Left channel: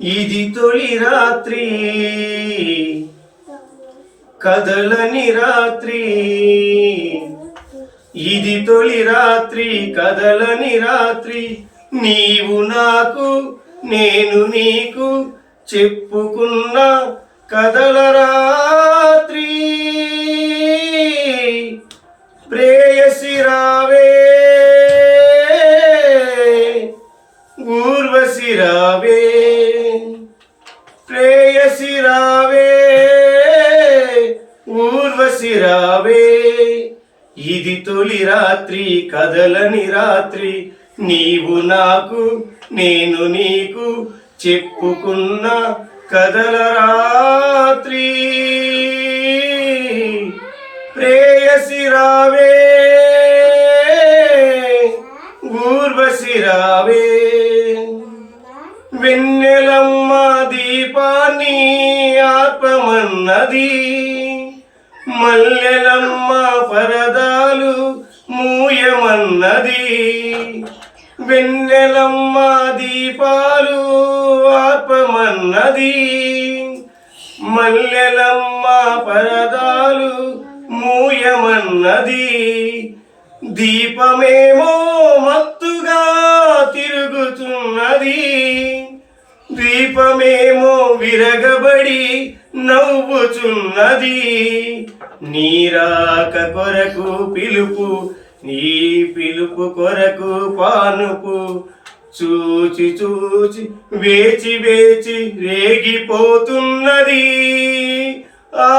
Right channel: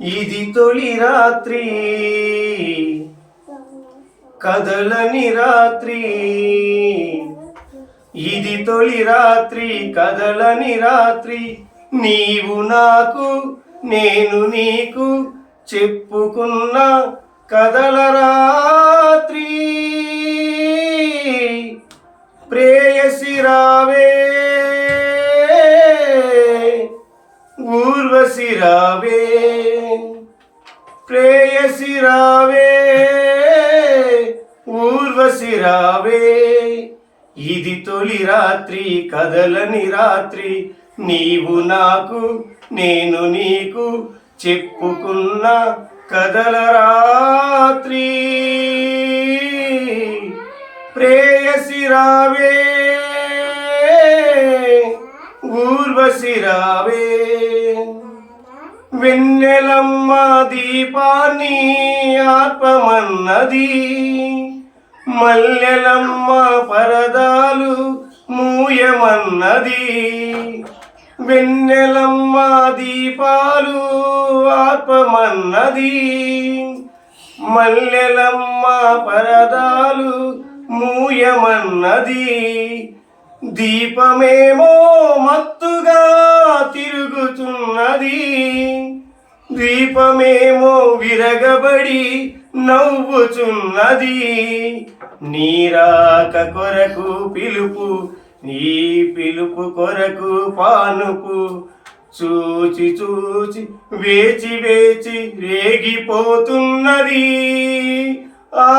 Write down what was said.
ఇది తొలి రాత్రి కదలని రాత్రి, ఇది తొలి రాత్రి కదలని రాత్రి, నీవు నాకు నేను నీకు చెప్పుకున్న కదల రాత్రి. ప్రేయసి రావే ఊర్వశి రావే, ప్రేయసి రావే ఊర్వశి రావే, ఇది తొలి రాత్రి కదలని రాత్రి, నీవు నాకు నేను నీకు చెప్పుకున్న కదల రాత్రి. ప్రేయసి రావే ఊర్వశి రావే, వెన్నెలమ్మ దీపాన్ని ఆర్పమన్నది, మల్లెలమ్మ పరదాలు మూయమన్నది. వెన్నెలమ్మ దీపాలు ఆర్పమన్నది, మల్లెలమ్మ పరదాలు మూయమన్నది. దీపమేమో మత్తుగా తిరుగుతున్నది, దీపమేమో విరగబడి నవ్వుచున్నది. నీరాక కొరకు పిలుపు, నీ పిలుపు కొరకు పానుపు, చూచి చూచి వేచి వేచి రేగిపోతున్నది. ఆ